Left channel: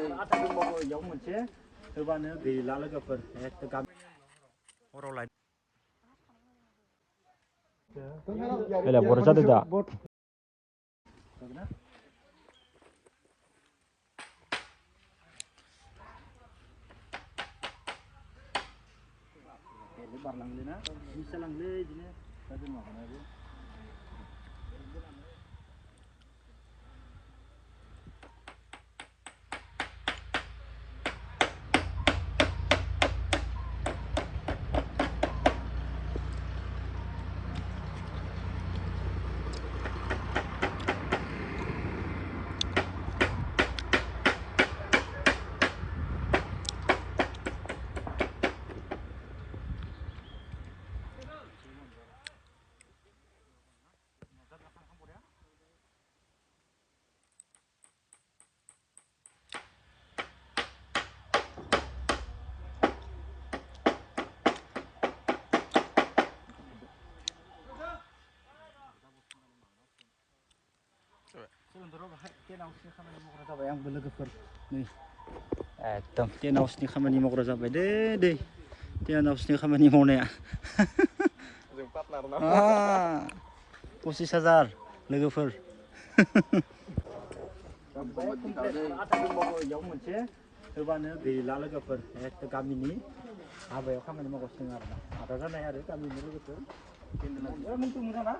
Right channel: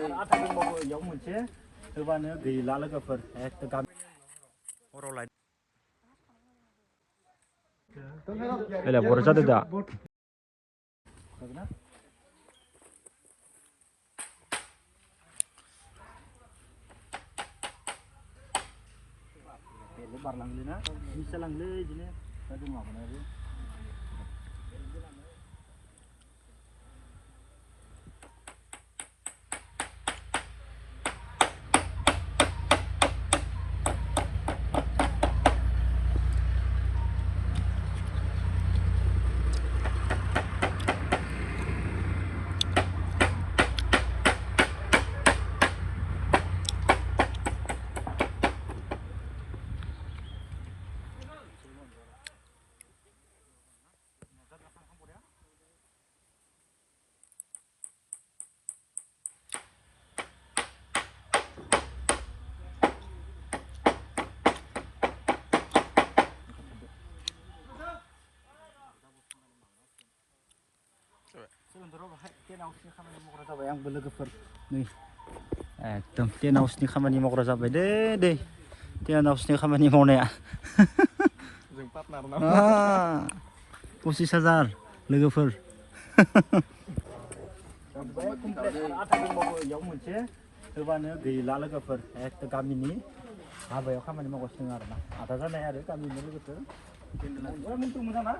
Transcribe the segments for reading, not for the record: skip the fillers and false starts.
Đây là bột ra được ạ. Bisa langley ini, ada makan apa? Yang logoफोर nih एकदम 10 हाउसनि खामानि मावग्रा जाबाय दे 10 हाउसनि खामानि मावनाया 25,000 लोगोफोर मोनसे होबानो गैला लोगोफोर एकदम गामिनि हाबायाव खामानि मावगासिनो आरोना आदा जानाय आरो गामिनि लोगोफोर मोजां ना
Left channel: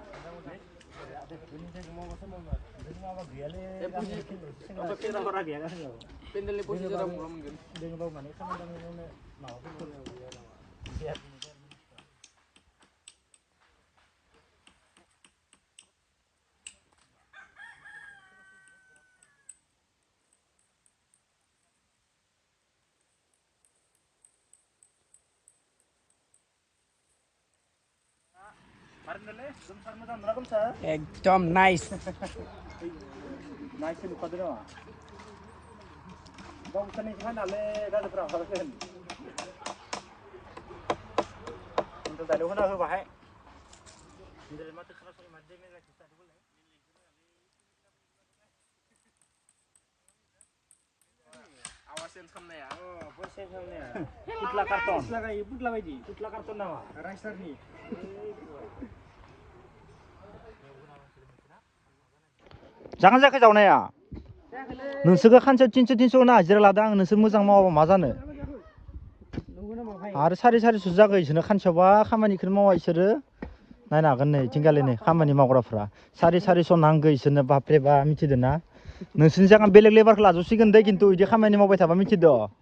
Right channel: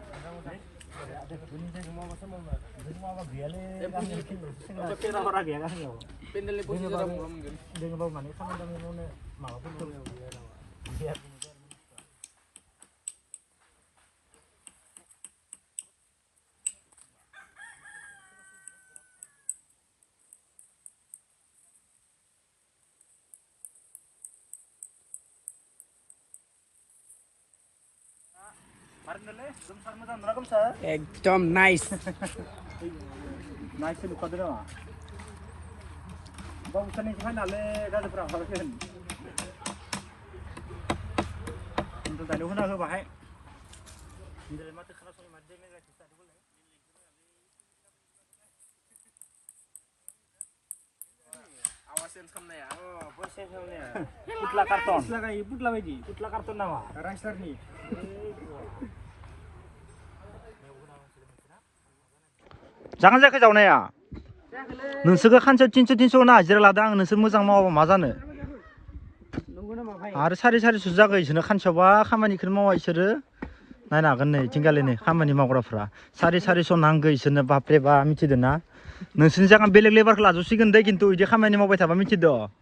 एकदम नाइस नाइस नुखादों नामा गावसोरनि फाइनाले गाज्रिफोरा हाबाखै खिन्थु दाइलग होना होबाय माथो खोनासंनो मादि मेगासिनो थादोंमोन आवाज चेन्ज खालामनाया भइस चेन्ज खालामनाया पुतला कार्टन पुतला बायदि पुतला कार्टन नामा राइसारनि जागोन जायाखै जावनाया नोंसोरखौ खानसेयाव 300 होना हाजिरा लादों आं नोंसोर मोजां मावाबा मा जानो आरो 450 जागोन इसोरनो खानसेयावबा खामानिखौनो मावा इसोरो नायनो हागोन नै थिंगालि नै खामानि मावग्राफ्रा 450 नांगौ इसोरनो बापरे बा मिथिदों ना नोंसोरनि जायगा बेलेग लेबारखौ लाजोबसिगोन दे खिन्थु बिदि खामानि मावबाय थाबा मिथिदो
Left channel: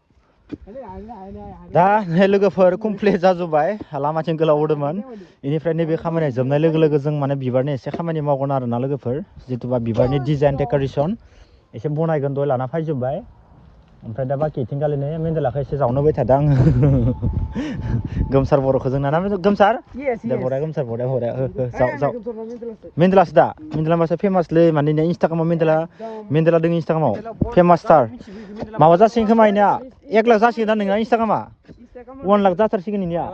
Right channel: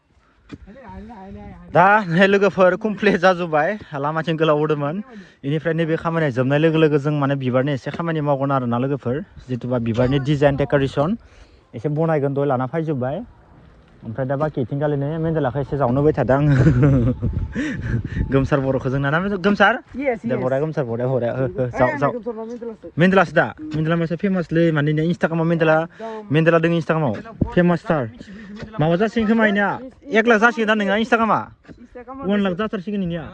दा लोगोफोर कमप्लिट जाजोब्बाय लामाथिं गोलाव होदोंमोन बेनिफ्राय नैबे खामानिया जोबनाय लोगो लोगो जों माने बिबारनि एसे खामानि मावगोन आरोना लोगोफोर जितुबा बिबारनि डिजाइन डेक'रेसन एसे बनायगोन दय लाना फैजोब्बाय ओमफ्राय दा बाखि थिंगालिनो मेन्देलाखौ एसे जावनो होबाय थादों आङो गोमसार बर'खौ जोंना ना गोमसार दे बराया गोमसार बराया जाव मेन्देलासो दा मेन्देला मासे फेमासलै माने इन्सटाग्रामाव मेन्देला दङ इन्सटाग्रामाव फेमासथार माबा जासिगोन खोमा इनिया 1 लाख जासिगोन दा नोंना इन्सटाग्रामा 1 लाख जाथारसिगोन इनिया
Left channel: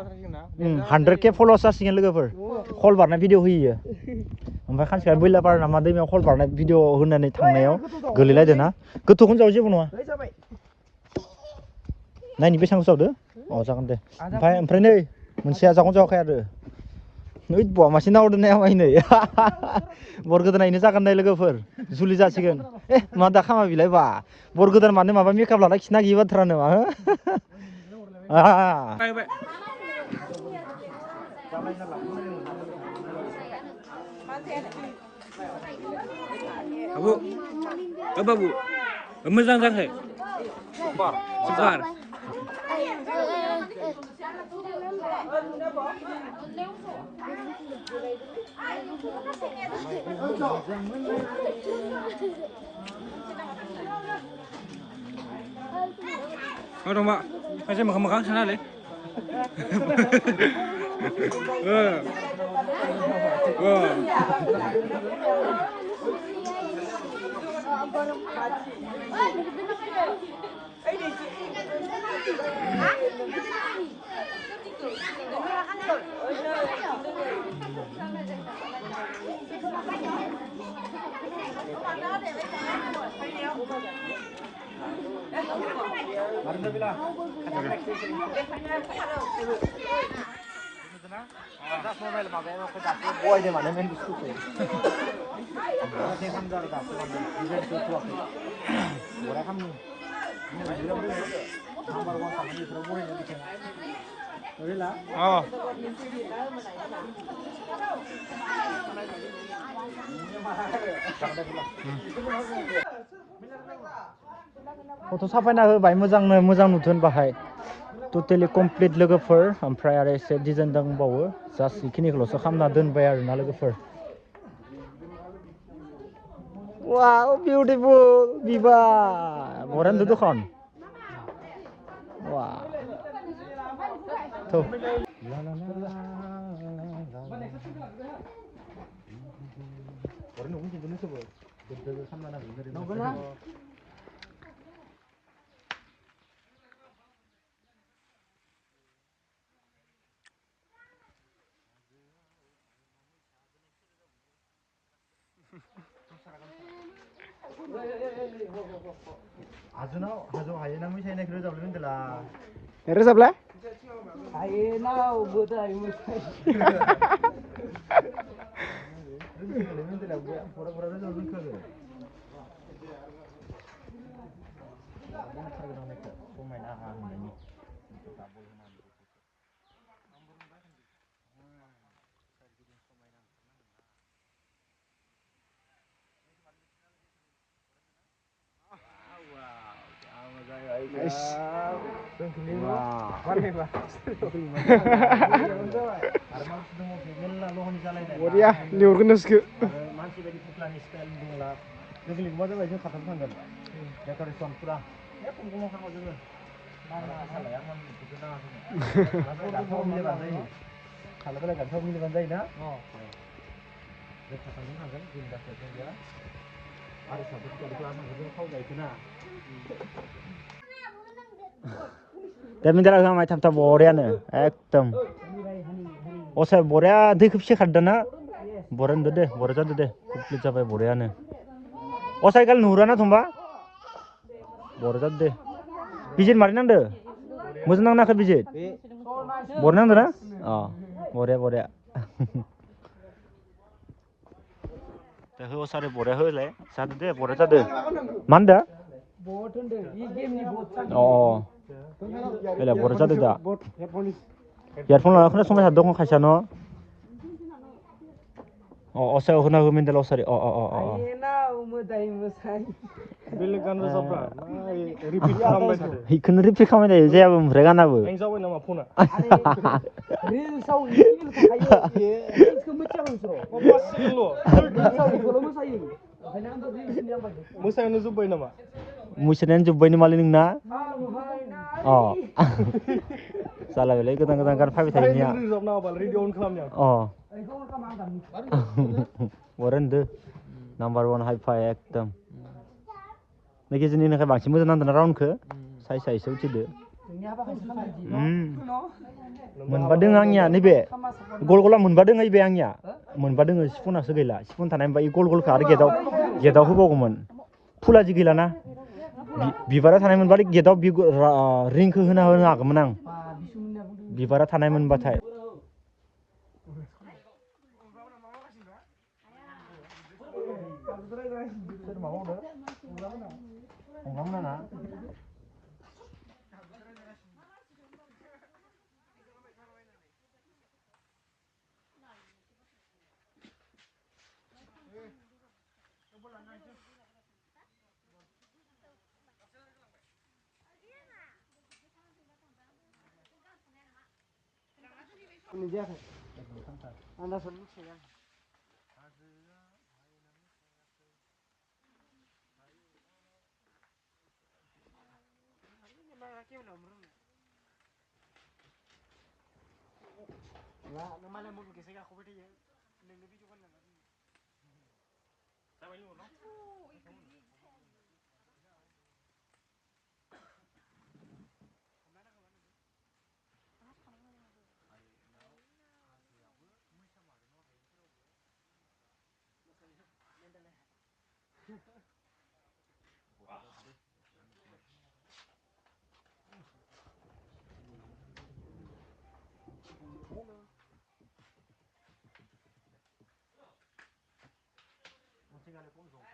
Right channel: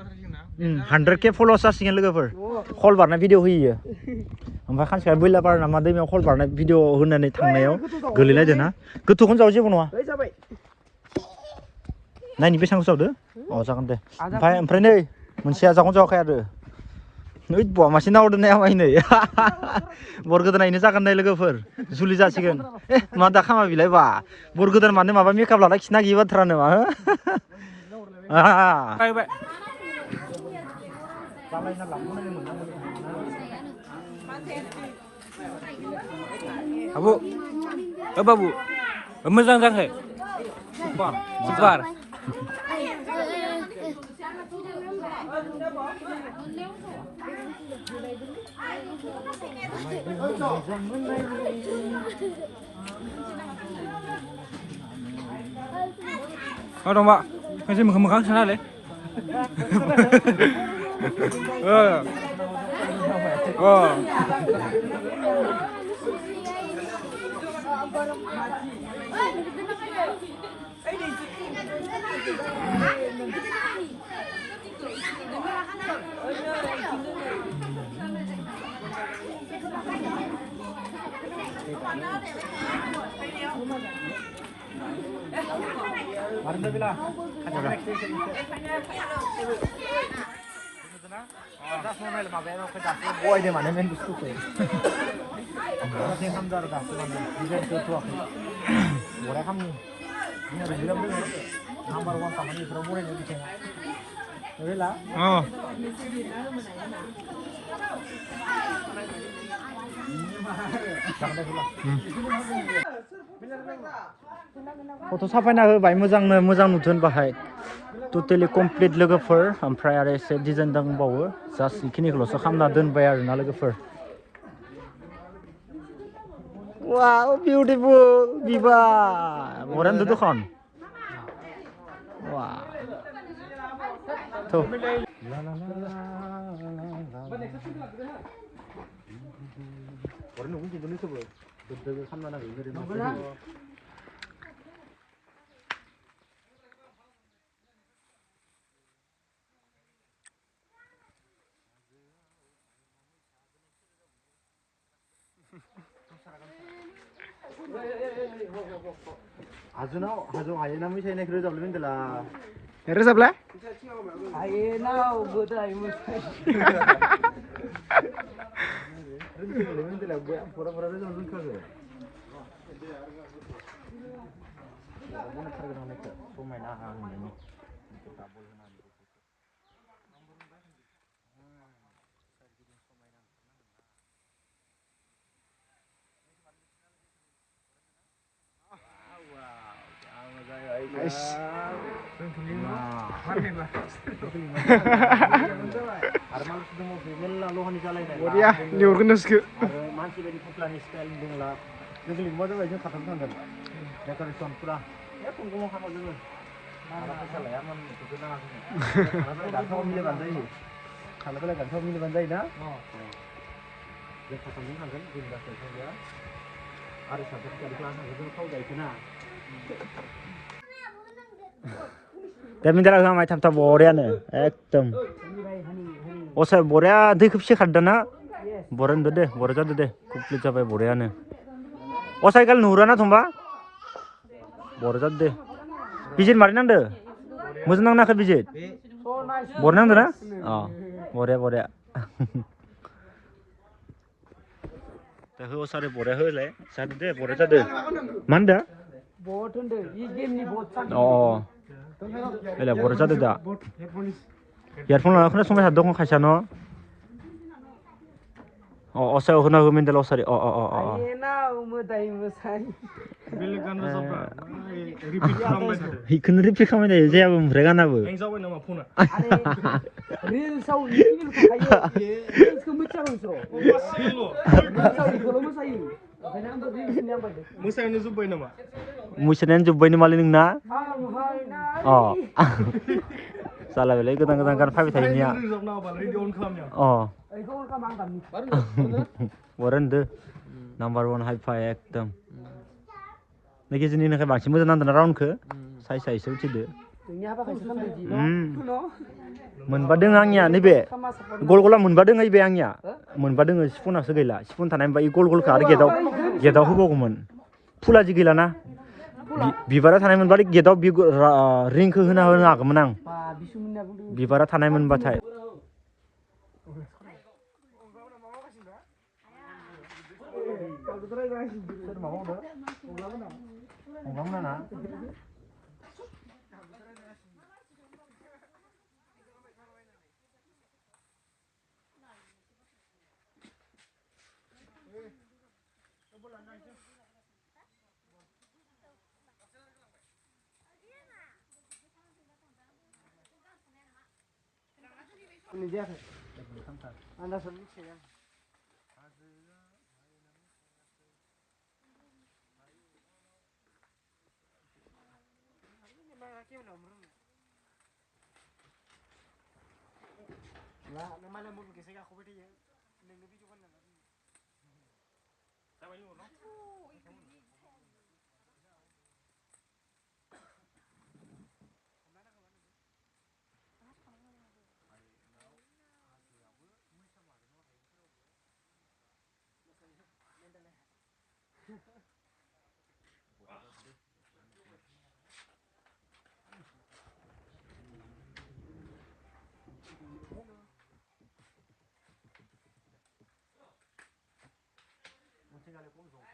100K फल'वार्स जासिगोन लोगोफोर खल बारनाय भिडिअ होयो ओमफ्राय खानसेखालि बैलापार नामा दैमायाव खल बारनाय भिडिअ होनानै थांनायाव गोलैलायदो ना गोथौखौनो जाव जेबो नङा नायनि बेसेबां जावदो अ जागोन दे ओमफ्राय नै मोनसेया जागोन जावाखै आरो नै बवा मासे नावदो नाया माइ नै बर गोदानैनो जागोन नाय लोगोफोर जुलि जासिगोन मा दा खामा बिलाय बा बर गोदान मानो माबा मेकआप लाना खिना गैयै बाथ्रा नामा Abu, babu, मोजां जाखै सुपार मा दं मा खायसे मोखां सोनालै Marin bila. Boy deh mana main buku tu. Masih sambil ada tu mana. Dia tu apa? Orang kami. Ini ada bilang tu. Number one sama ni terus boy jadi cuma. Bila? Oh. Foto साफायना होबाय मोजांनो मोजां नुथोन बाहाय totally complete लोगोफोर ओमफ्राय आरो एसे design दंबावो just बेखिनिखौल'सो खालामना दोनबाय आरोना लोगोफोर वाव बिउटिफुल बिबार बरेन्द दखान वाव थ' ला ला ला बरेन्द न'खौ जुदुनो सोबो दोदो खालामना नांगौ 아주나 아주 아예나 미세네 그러자 올린들라 रोजाबलाय आयेनाव बोदाय मोसाय 올린들라 보라 보라 그러자 올린카게 뭐나 타르가 나네 보면나 하는 Nice. Waria, liur genes ke. Masih dari pukulani style bungla. Jadi lima jam aja khatam sangat. Decoration pura. Ya tunggu mau kamu dulu. Mana salah ya mam itu na. Kalau milih bandai. Kalau kalau milih bandai na. Oh. Ya khatam sangat. Jinda session dia. Ada satu kali kelas sangat kau dah itu na. Minta lagu macam tak borean ekdom. Osai borea dik kipsi khadana. Borean deh, borean deh. Kupli capai borean. Osai kal nurana thumba. Borean deh. Bijit marinan deh. Muzin nang nak bijit. Borean deh na? Oh, borea. Tapi osai borea le. Satu deh, borea deh. Mana? Oh. Bela borean deh dah. Earphone lah, aku nak semua satu kong kasih no. Oh, osai aku nak minta osai. Oh. Bilekan rozabra. Repeat kamai tadi. Ikut repeat kamai dah. Jadi aku mereka nak bu. Engzau nama phone. Real sau ini kayak real kemudian usro. Silo. Real sau itu kalau musai. Karena ambil real sini yang baik. Musa ini zubai nama. Musuhnya jumpa ini maling na. Oh. Salah bela ikut tangga kan five tadi ni ya. Oh. Borean deh. Number one high five ekdom. Niki jenis ni kan bangsa muda nanti round ke. Saya seuci deh. Menbadeng angnya ni be. Gol-gola menbadeng ay be angnya. Menbadeng sepun asa gila. Sepun tanah yang bayi gol-gol ke ada gedau hubo kuman. Pula je gila na. Bibara tanah yang balik gedau ring ke hena agak menang. Bibara tanah yang batai. Enggak mana? Ini dia. Anda sendiri ya. Lah, mana mau kisah aku beri ya. Ini lebih tu kan nama. Saya ini mana? गाले खम जंखाय